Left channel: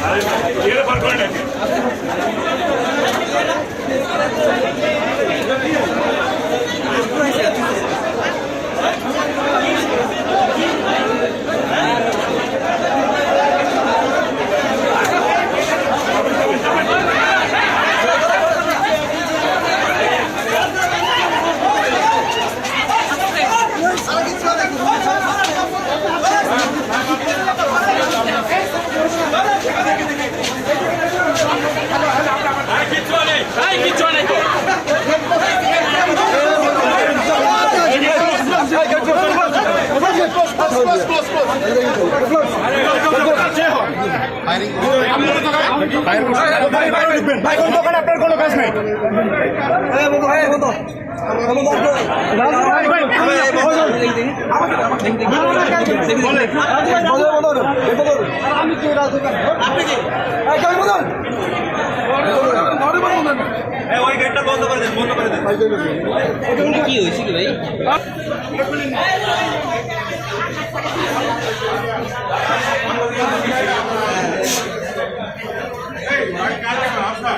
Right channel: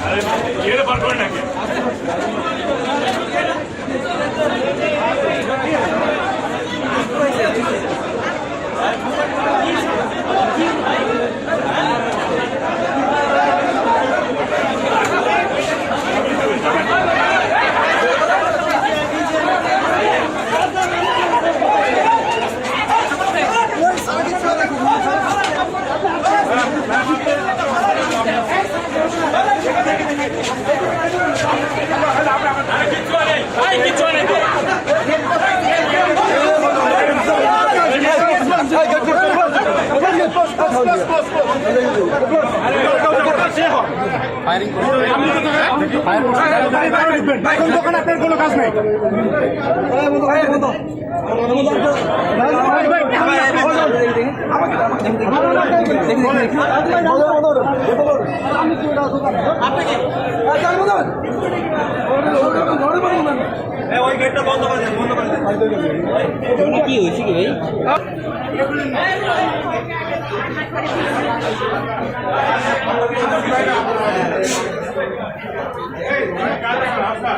ভাই কোন আপনার কোনো কাজ নাই কি হয়েছে কি ভাই আপনার